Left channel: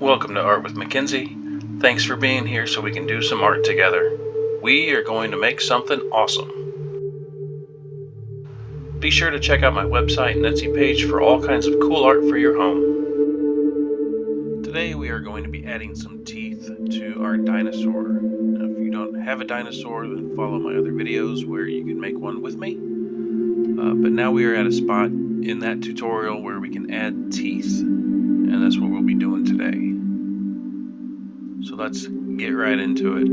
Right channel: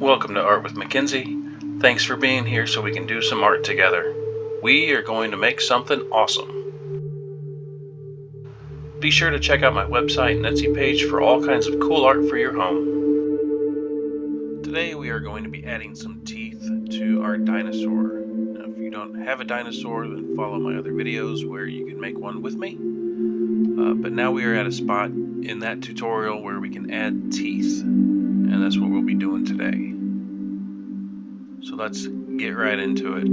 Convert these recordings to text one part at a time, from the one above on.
Welcome to Art with Mackenzie. Thanks for being here so we can do some art together. We are going to make something awesome. Be sure to check out my website and Etsy page for all kinds of cool art for your home. Today we are going to be adding some teeth to our dinosaur. Now, if you don't have a dinosaur, then follow my other videos where you can make one with me. But now we are at a spot in that tutorial where we can add teeth, and that's what we'll be doing today. So let's get right into it.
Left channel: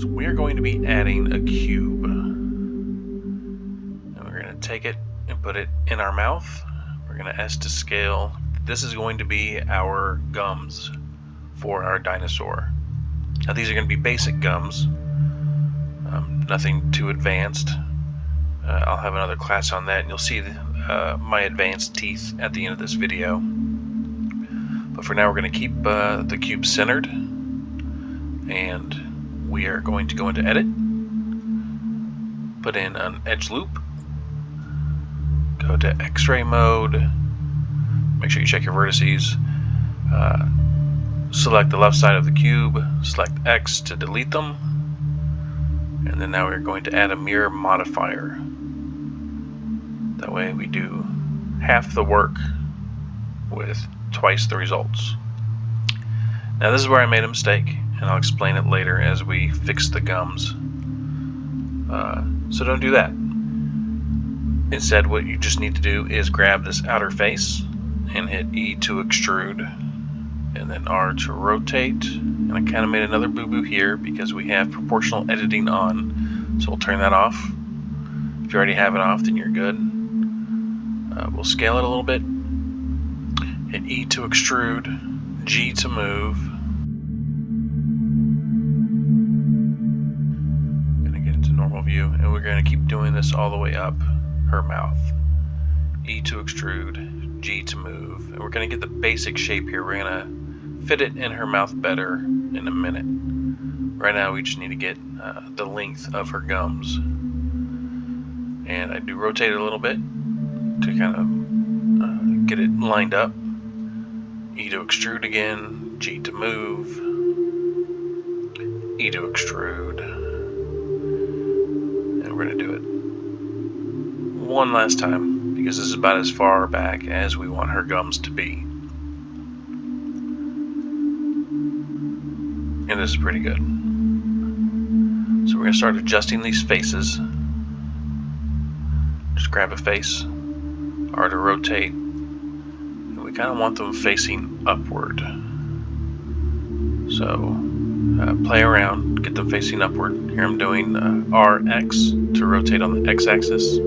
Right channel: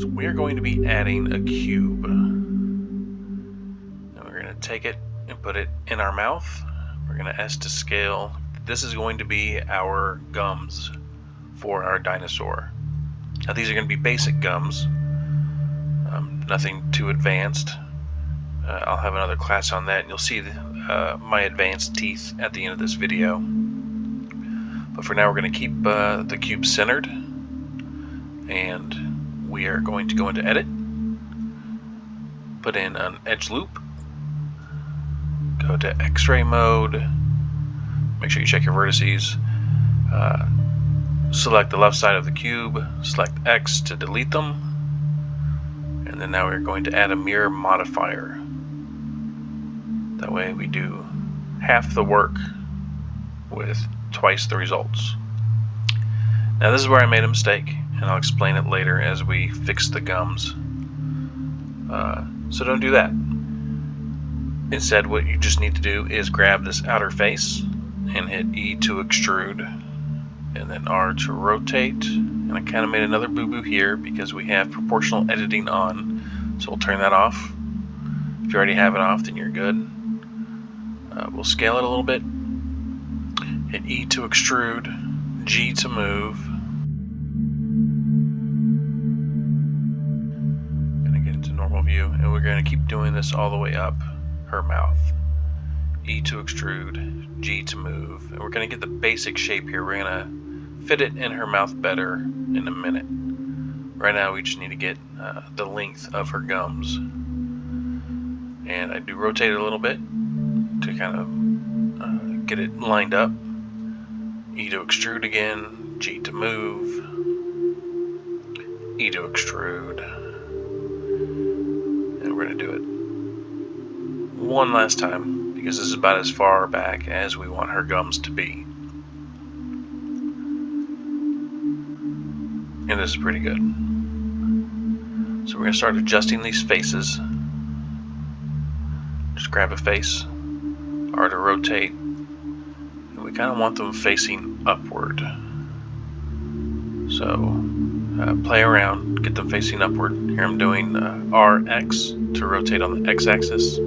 So we're going to be adding a cube. And we're going to take it and put it in our mouth. We're going to S to scale. This is going to be our gums for our dinosaur. Now these are going to be basic gums. Nothing too advanced. I'll have another class on that, and you'll see my advanced teeth at the end of this video. But for now, we're going to keep the cube centered, and we are going to go into Edit, put in an edge loop, go to X-ray mode, make sure you check your vertices, select the left side of the cube, select X to delete them, and then now we're going to add a mirror modifier. That way we do half the work with twice the results. Now this is where I made a mistake, and I'll explain it later as we fix the gums. So don't do that. Instead, what you just need to do is grab this outer face and hit E to extrude, and then R to rotate. And I kind of made another boo-boo here because we have proportional editing on, so we'll turn that off. If you already have it off, then you're good. We'll scale it a little bit. Hit E to extrude, G to move. Gonna get into normal view, and we're gonna keep doing this all the way up her mouth. E to extrude, G to move, and we're gonna get the basic shape here. We're gonna fit it in her mouth better in a minute. Right now we just need to get the length of her gums. And I do rotate it a little bit to kind of get it lined up. E to extrude again, G to move, E to extrude, and we're going to do it one last time because this is about as far back as we want her gums to be. And this is pretty good. So we're going to start adjusting these faces. Just grab a face, R to rotate. We kind of want them facing upward. So play around, get them facing upward. Here I'm doing RX to rotate on the X-axis.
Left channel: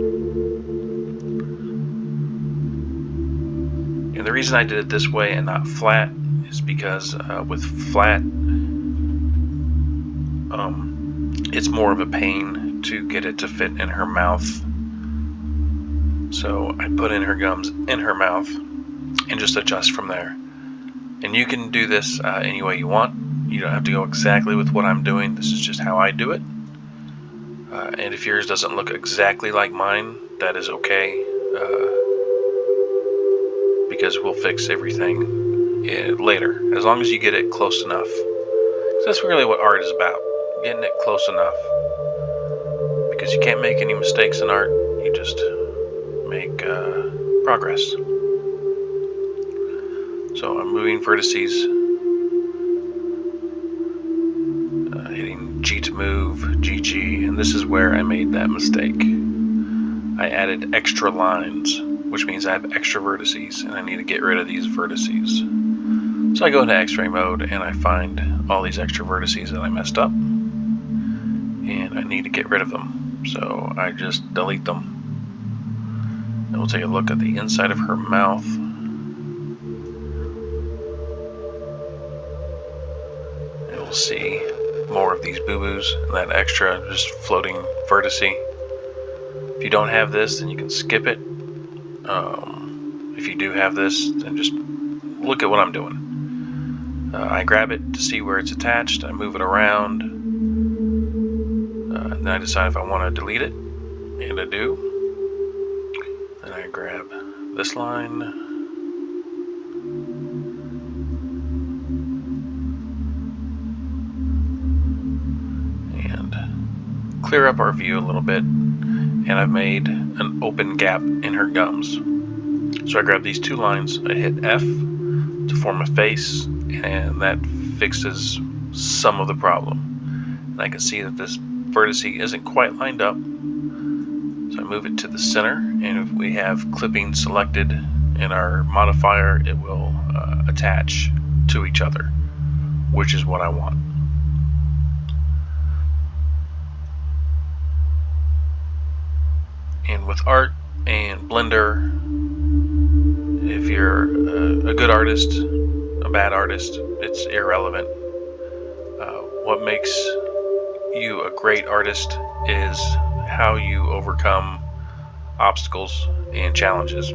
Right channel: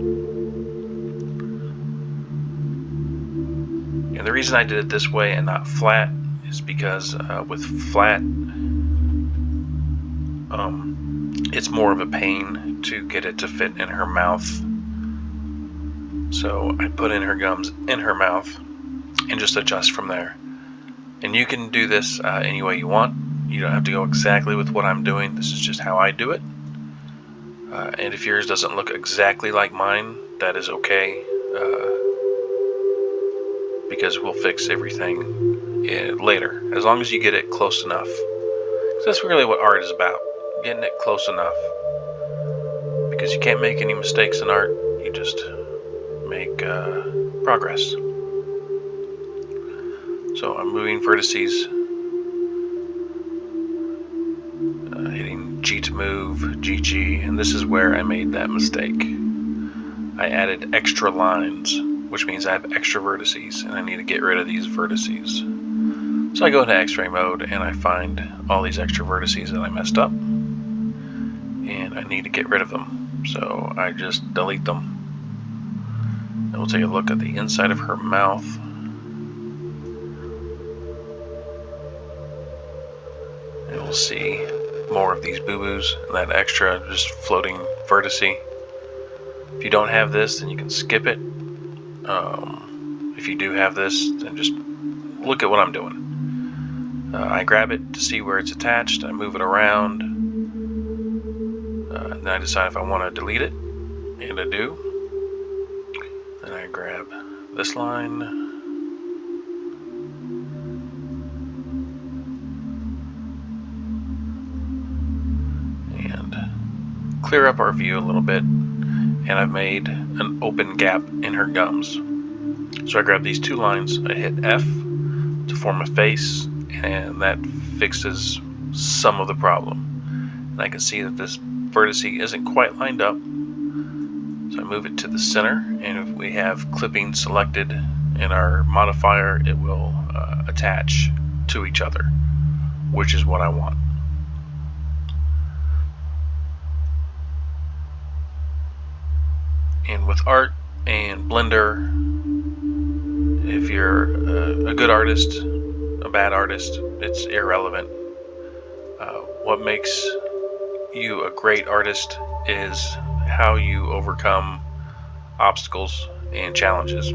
And the reason I did it this way and not flat is because with flat, it's more of a pain to get it to fit in her mouth. So I put in her gums in her mouth and just adjust from there. And you can do this any way you want. You don't have to go exactly with what I'm doing. This is just how I do it. And if yours doesn't look exactly like mine, that is okay. Because we'll fix everything later, as long as you get it close enough. So that's really what art is about, getting it close enough. Because you can't make any mistakes in art, you just make progress. So I'm moving vertices, hitting G to move, GG, and this is where I made that mistake. I added extra lines, which means I have extra vertices, and I need to get rid of these vertices. So I go into X-ray mode, and I find all these extra vertices that I messed up, and I need to get rid of them. So I just delete them. And we'll take a look at the inside of her mouth. And we'll see more of these boo-boos and that extra just floating vertice. If you don't have this, then you can skip it. If you do have this, then just look at what I'm doing. I grab it to see where it's attached. I move it around. And then I decide if I want to delete it. And I do. Then I grab this line, clear up our view a little bit, and I've made an open gap in her gums. So I grab these two lines, I hit F to form a face, and that fixes some of the problem. And I can see that this vertex isn't quite lined up, so I move it to the center, and if we have clipping selected in our modifier, it will attach to each other, which is what I want. And with art and Blender, if you're a good artist, a bad artist, it's irrelevant. What makes you a great artist is how you overcome obstacles and challenges.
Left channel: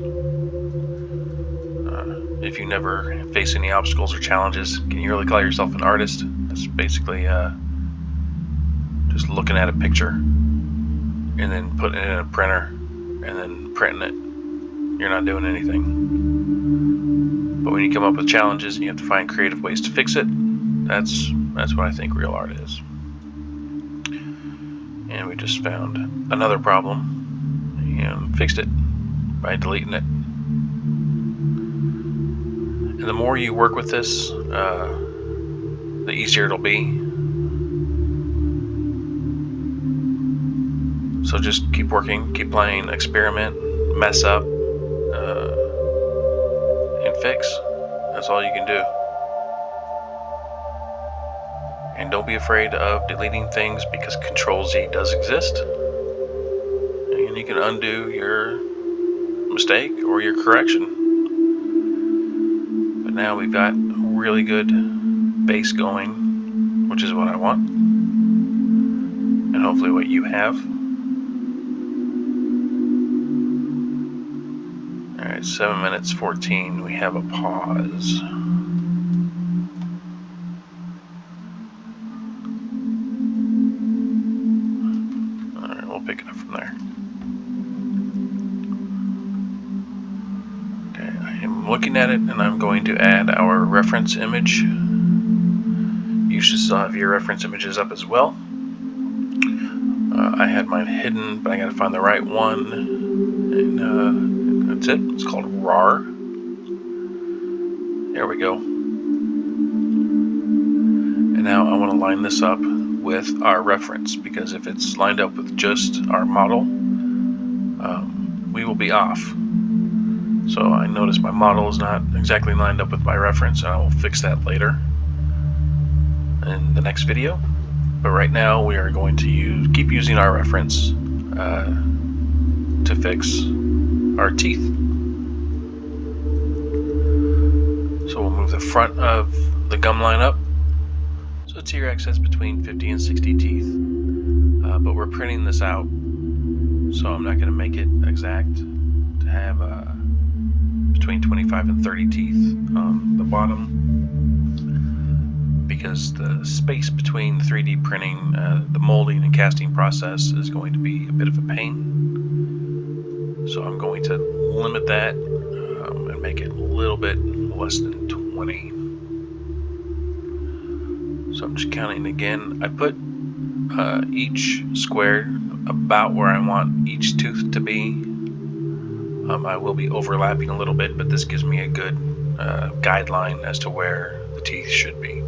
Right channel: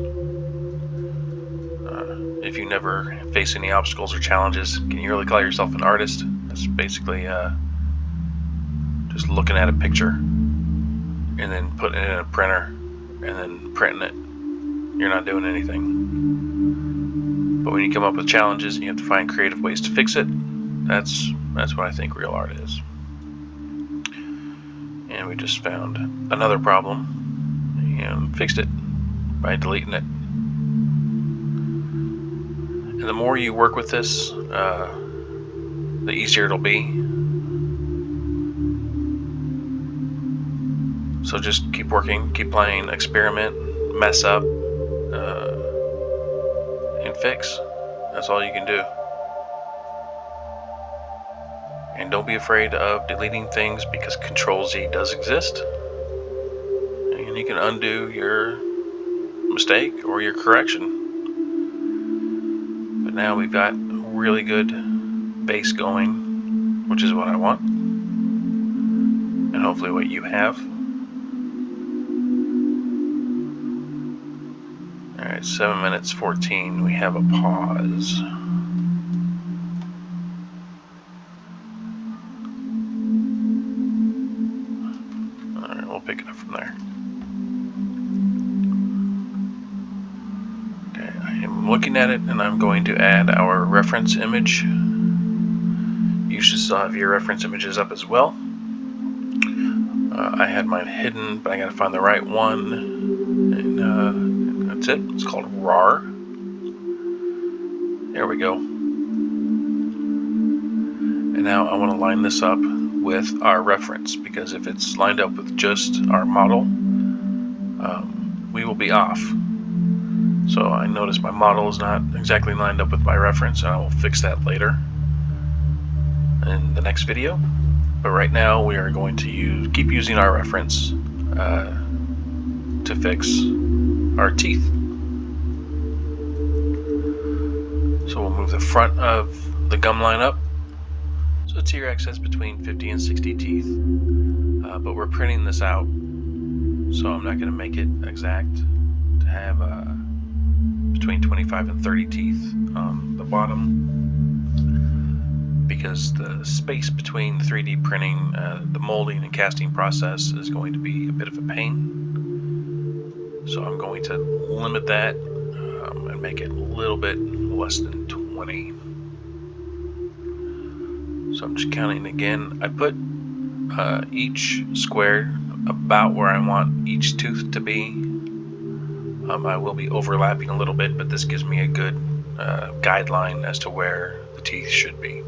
If you never face any obstacles or challenges, can you really call yourself an artist? That's basically just looking at a picture and then putting it in a printer and then printing it. You're not doing anything. But when you come up with challenges and you have to find creative ways to fix it, that's what I think real art is. And we just found another problem and fixed it by deleting it. And the more you work with this, the easier it'll be. So just keep working, keep playing, experiment, mess up, and fix. That's all you can do. And don't be afraid of deleting things, because Control-Z does exist. And you can undo your mistake or your correction. But now we've got a really good base going, which is what I want. And hopefully what you have. Alright, 7 minutes 14. We have a pause. Alright, we'll pick it up from there. Okay, I am looking at it, and I'm going to add our reference image. You should still have your reference images up as well. I had mine hidden, but I gotta find the right one. And that's it. It's called RAR. There we go. And now I want to line this up with our reference, because if it's lined up with just our model, we will be off. So I notice my model is not exactly lined up with my reference, and I will fix that later in the next video. But right now we are going to keep using our reference to fix our teeth. So we'll move the front of the gum line up. So T-Rex has between 50 and 60 teeth, but we're printing this out, so I'm not going to make it exact to have between 25 and 30 teeth on the bottom, because the space between 3D printing, the molding and casting process is going to be a bit of a pain. So I'm going to limit that and make it a little bit less than 20. So I'm just counting again. I put each square about where I want each tooth to be. I will be overlapping a little bit, but this gives me a good guideline as to where the teeth should be.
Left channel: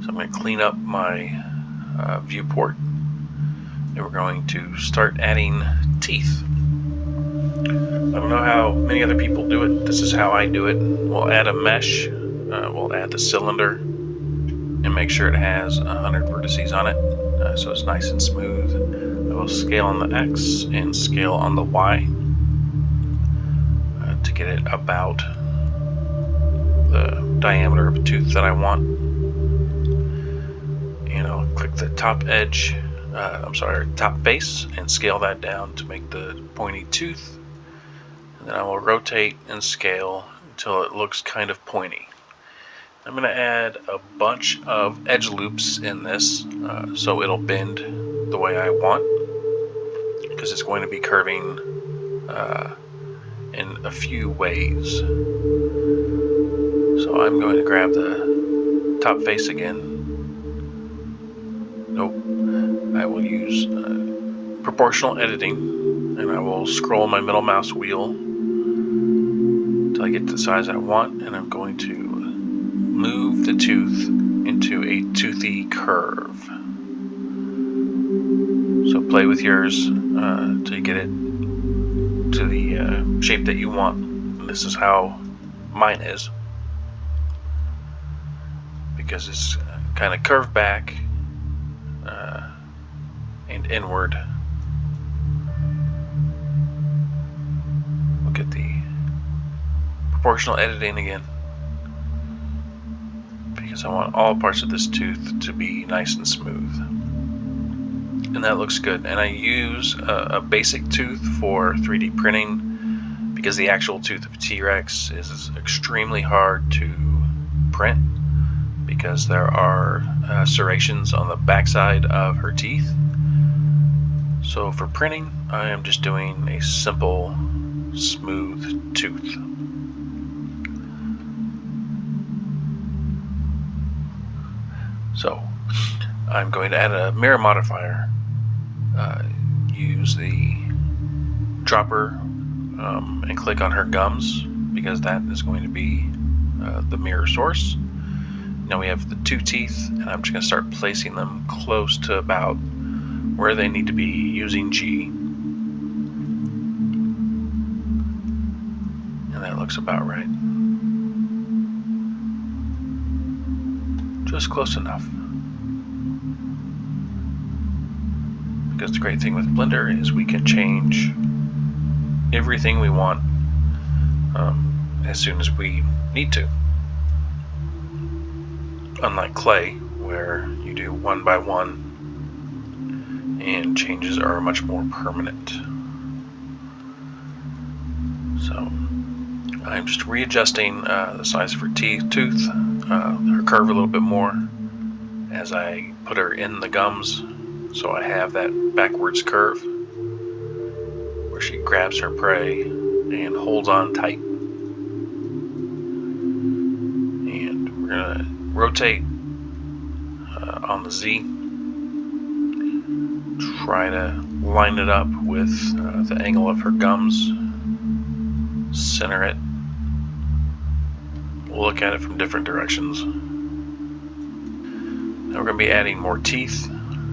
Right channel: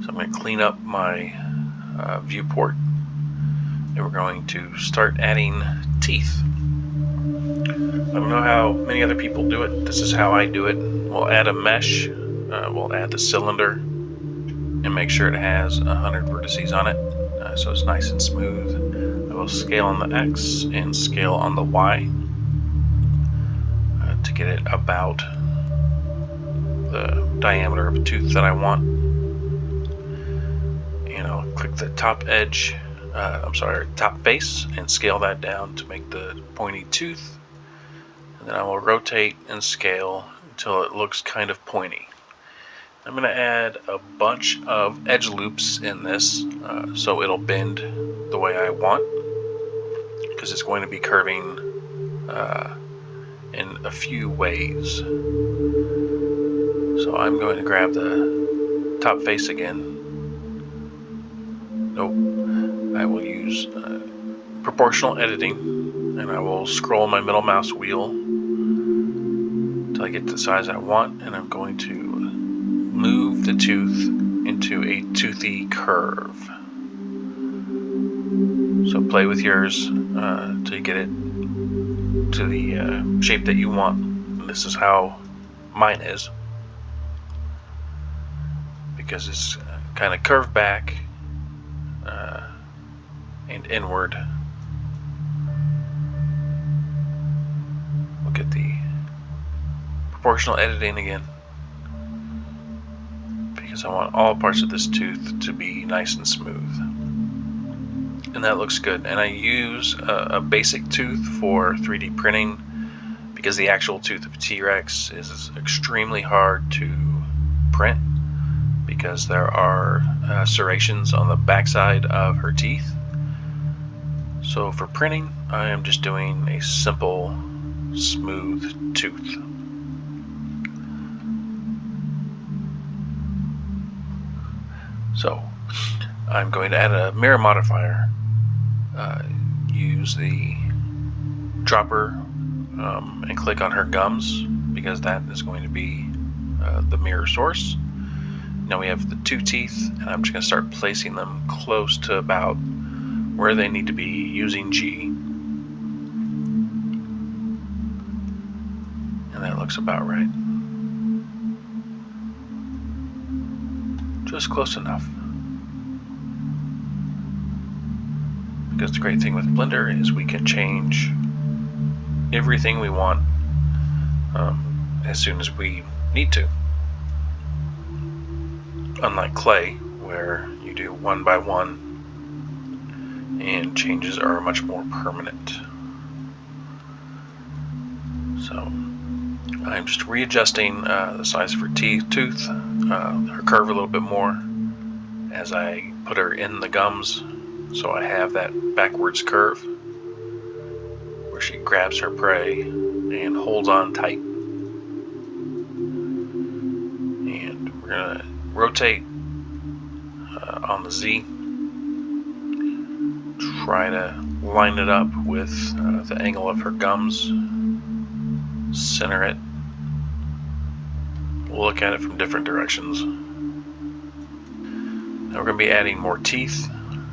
So I'm going to clean up my viewport, and we're going to start adding teeth. I don't know how many other people do it. This is how I do it. We'll add a mesh, we'll add the cylinder, and make sure it has 100 vertices on it, so it's nice and smooth. I will scale on the X and scale on the Y to get it about the diameter of a tooth that I want. And I'll click the top edge, top face, and scale that down to make the pointy tooth. And then I will rotate and scale until it looks kind of pointy. I'm going to add a bunch of edge loops in this so it'll bend the way I want. because it's going to be curving in a few ways. So I'm going to grab the top face again. Nope. I will use proportional editing, and I will scroll my middle mouse wheel until I get to the size I want, and I'm going to move the tooth into a toothy curve. So play with yours till you get it to the shape that you want. And this is how mine is, because it's kind of curved back and inward. Look at the proportional editing again, because I want all parts of this tooth to be nice and smooth. And that looks good. And I use a basic tooth for 3D printing because the actual tooth of T-Rex is extremely hard to print, because there are serrations on the backside of her teeth. So for printing, I am just doing a simple smooth tooth. So I'm going to add a mirror modifier. Use the dropper and click on her gums, because that is going to be the mirror source. Now we have the two teeth, and I'm just going to start placing them close to about where they need to be using G. And that looks about right. Just close enough. Because the great thing with Blender is we can change everything we want as soon as we need to. Unlike clay, where you do one by one and changes are much more permanent. So I'm just readjusting the size of her tooth, her curve a little bit more as I put her in the gums, so I have that backwards curve where she grabs her prey and holds on tight. And we're going to rotate on the Z, try to line it up with the angle of her gums, center it. We'll look at it from different directions. Now we're going to be adding more teeth.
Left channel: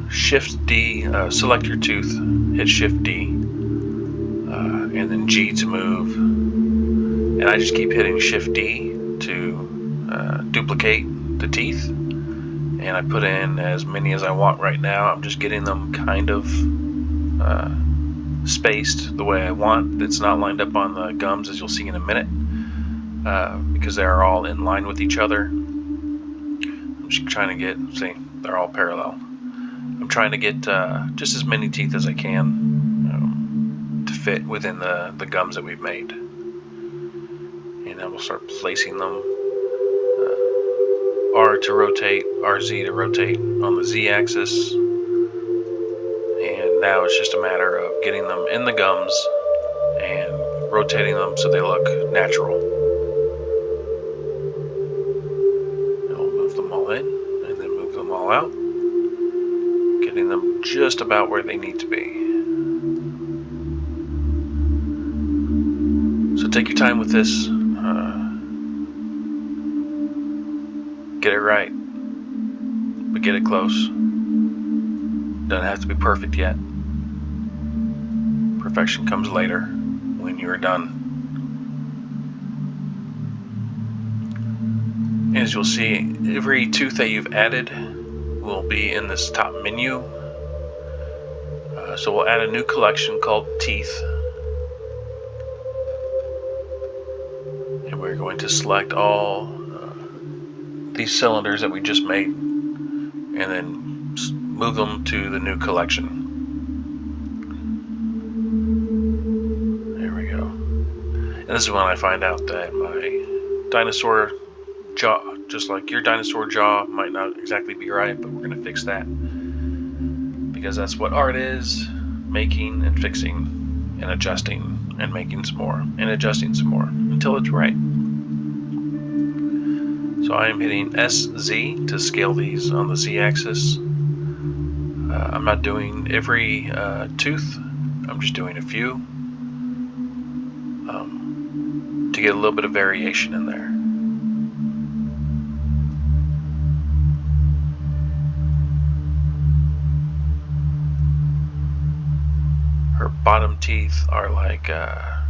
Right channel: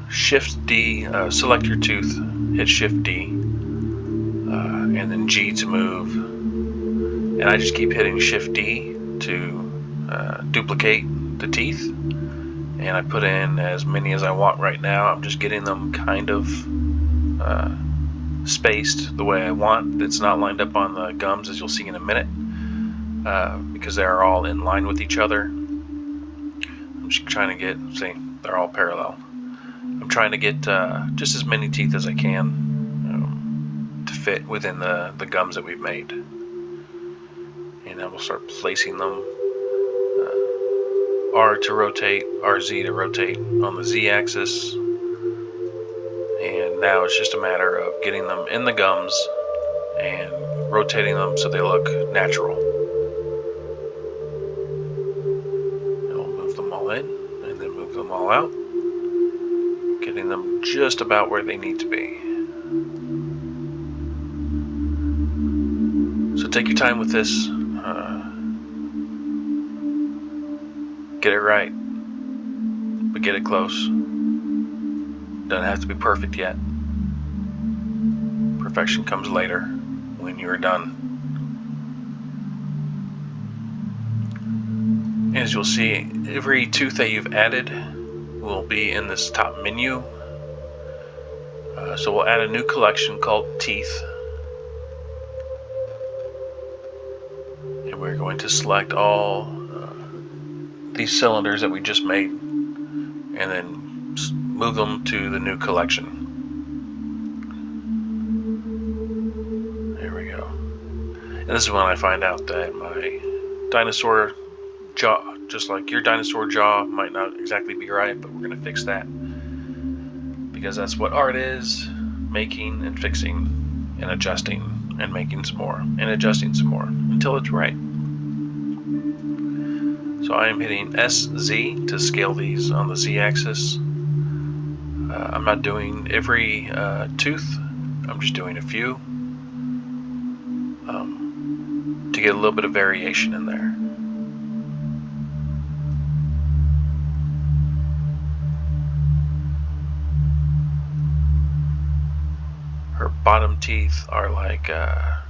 Shift D, select your tooth, hit Shift D, and then G to move. And I just keep hitting Shift D to duplicate the teeth. And I put in as many as I want right now. I'm just getting them kind of spaced the way I want. It's not lined up on the gums, as you'll see in a minute, because they're all in line with each other. I'm just trying to get, see, they're all parallel. I'm trying to get just as many teeth as I can to fit within the gums that we've made. And then we'll start placing them. R to rotate, RZ to rotate on the Z axis. And now it's just a matter of getting them in the gums and rotating them so they look natural. And we'll move them all in and then move them all out, getting them just about where they need to be. So take your time with this. Get it right, but get it close. Doesn't have to be perfect yet. Perfection comes later when you are done. As you'll see, every tooth that you've added will be in this top menu. So we'll add a new collection called Teeth. And we're going to select all these cylinders that we just made and then move them to the new collection. There we go. And this is when I find out that my dinosaur jaw, just like your dinosaur jaw, might not exactly be right, but we're going to fix that, because that's what art is. making and fixing and adjusting and making some more and adjusting some more until it's right. So I am hitting SZ to scale these on the Z-axis. I'm not doing every tooth, I'm just doing a few to get a little bit of variation in there. Her bottom teeth are like are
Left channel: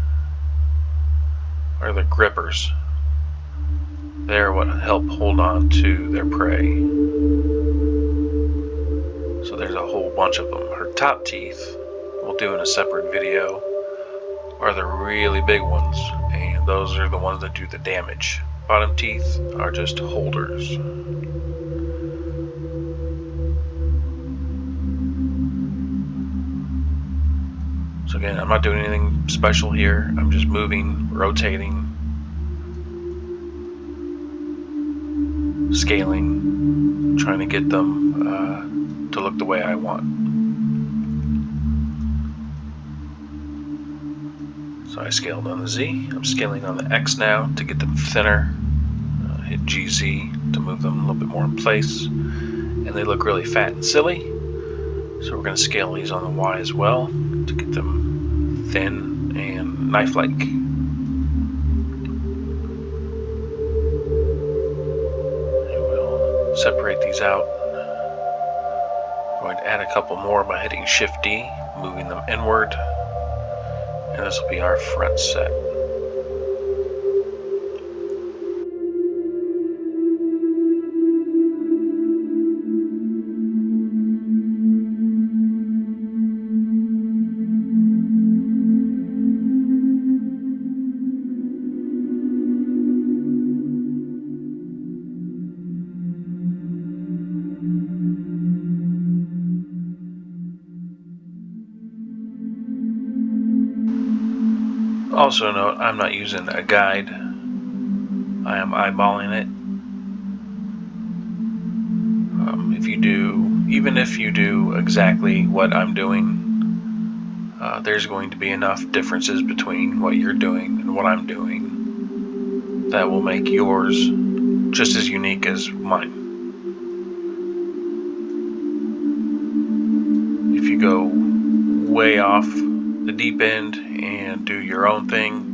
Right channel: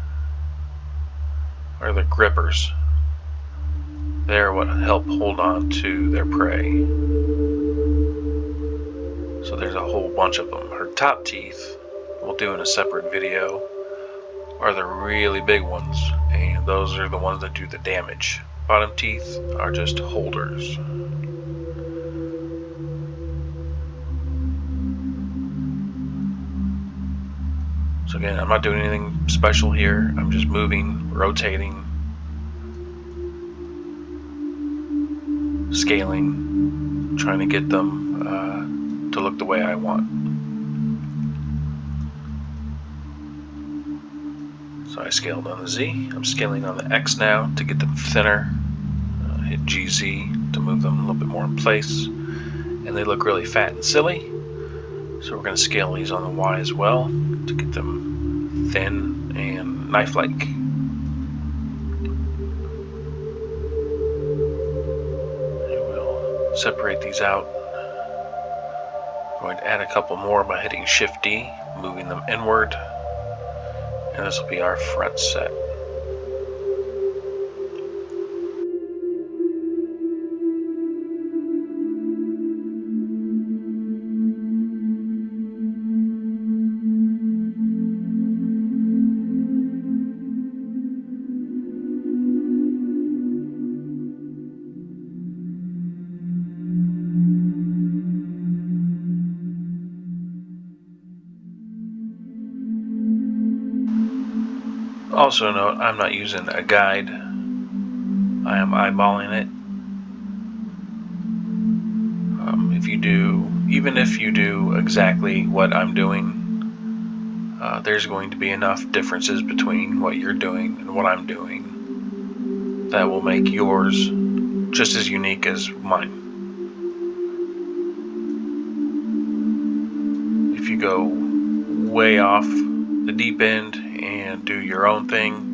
the grippers. They're what help hold on to their prey. So there's a whole bunch of them. Her top teeth, we'll do in a separate video, are the really big ones, and those are the ones that do the damage. Bottom teeth are just holders. So again, I'm not doing anything special here. I'm just moving, rotating, scaling, trying to get them to look the way I want. So I scaled on the Z. I'm scaling on the X now to get them thinner. Hit GZ to move them a little bit more in place. And they look really fat and silly. So we're going to scale these on the Y as well to get them thin and knife-like. And we'll separate these out. I'm going to add a couple more by hitting Shift D, moving them inward. And this will be our front set. Also note, I'm not using a guide. I am eyeballing it. Even if you do exactly what I'm doing, there's going to be enough differences between what you're doing and what I'm doing that will make yours just as unique as mine. If you go way off the deep end and do your own thing,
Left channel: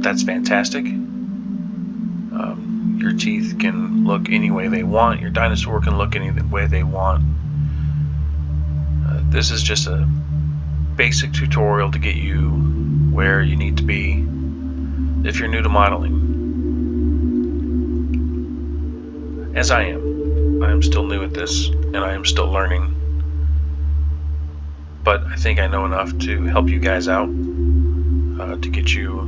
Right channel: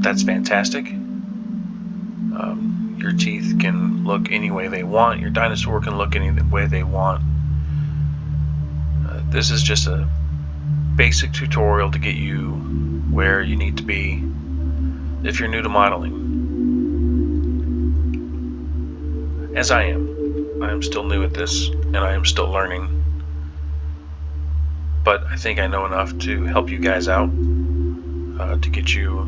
that's fantastic. Your teeth can look any way they want. Your dinosaur can look any way they want. This is just a basic tutorial to get you where you need to be if you're new to modeling. As I am. I am still new at this, and I am still learning. But I think I know enough to help you guys out to get you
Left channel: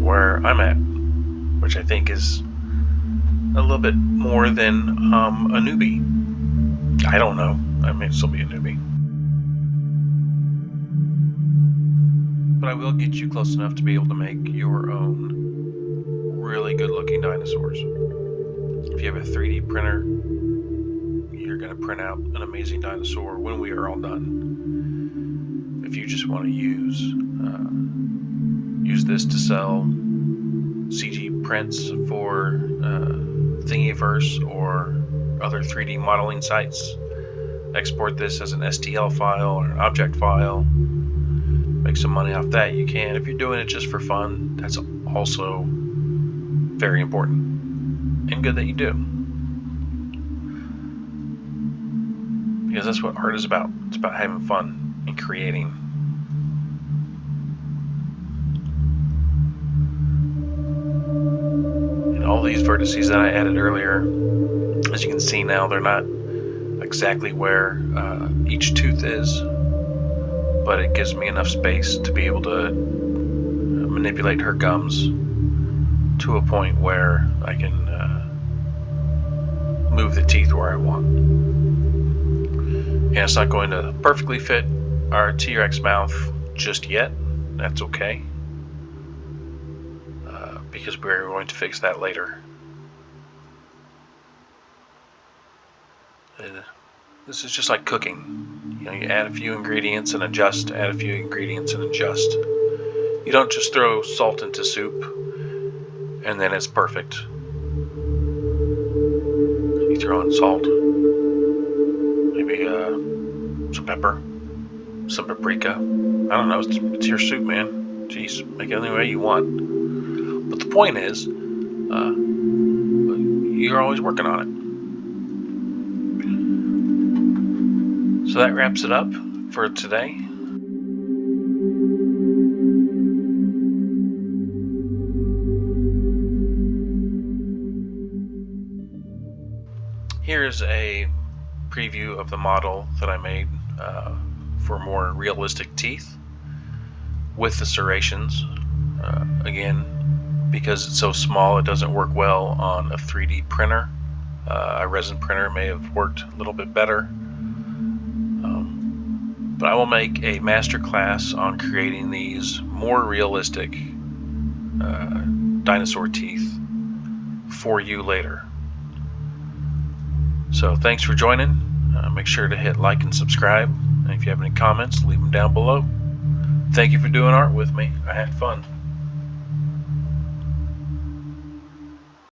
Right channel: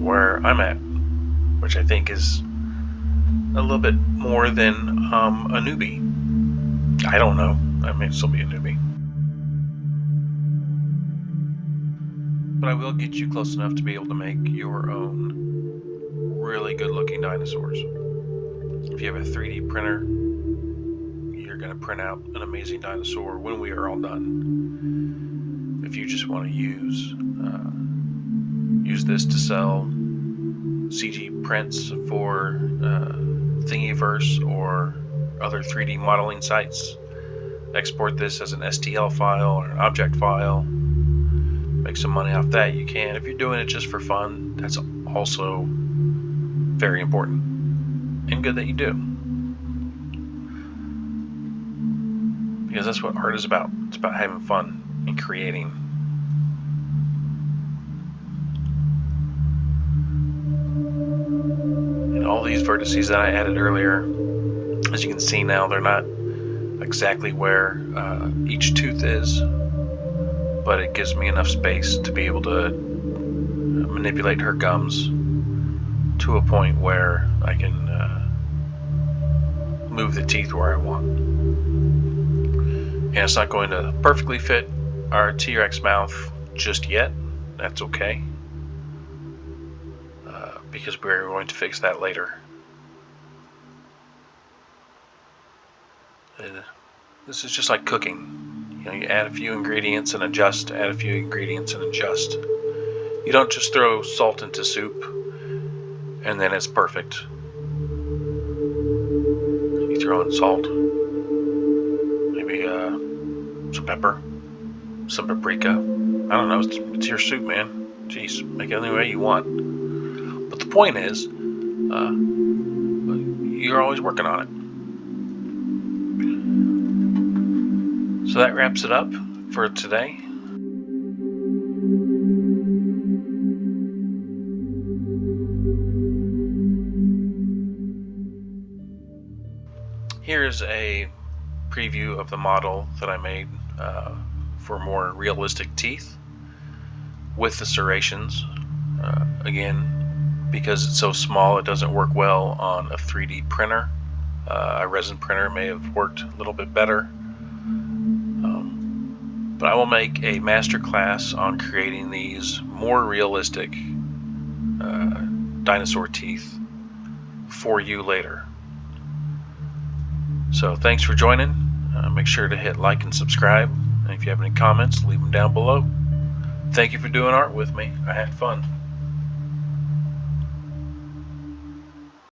where I'm at, which I think is a little bit more than a newbie. I don't know. I may still be a newbie. But I will get you close enough to be able to make your own really good looking dinosaurs. If you have a 3D printer, you're going to print out an amazing dinosaur when we are all done. If you just want to use this to sell CG prints for Thingiverse or other 3D modeling sites, export this as an STL file or an object file, make some money off that, you can. If you're doing it just for fun, that's also very important and good that you do, because that's what art is about. It's about having fun and creating. And all these vertices that I added earlier, as you can see now, they're not exactly where each tooth is, but it gives me enough space to be able to manipulate her gums to a point where I can move the teeth where I want. And it's not going to perfectly fit our T-Rex mouth just yet. That's okay, because we're going to fix that later. This is just like cooking. You add a few ingredients and adjust, add a few ingredients and adjust. You don't just throw salt into soup and then it's perfect. You throw in salt, maybe some pepper, some paprika. I don't know, it's your soup, man. Jeez, make it any way you want. But the point is, you're always working on it. So that wraps it up for today. Here's a preview of the model that I made for more realistic teeth with the serrations. Again, because it's so small, it doesn't work well on a 3D printer. A resin printer may have worked a little bit better. But I will make a master class on creating these more realistic dinosaur teeth for you later. So thanks for joining. Make sure to hit like and subscribe. And if you have any comments, leave them down below. Thank you for doing art with me. I had fun.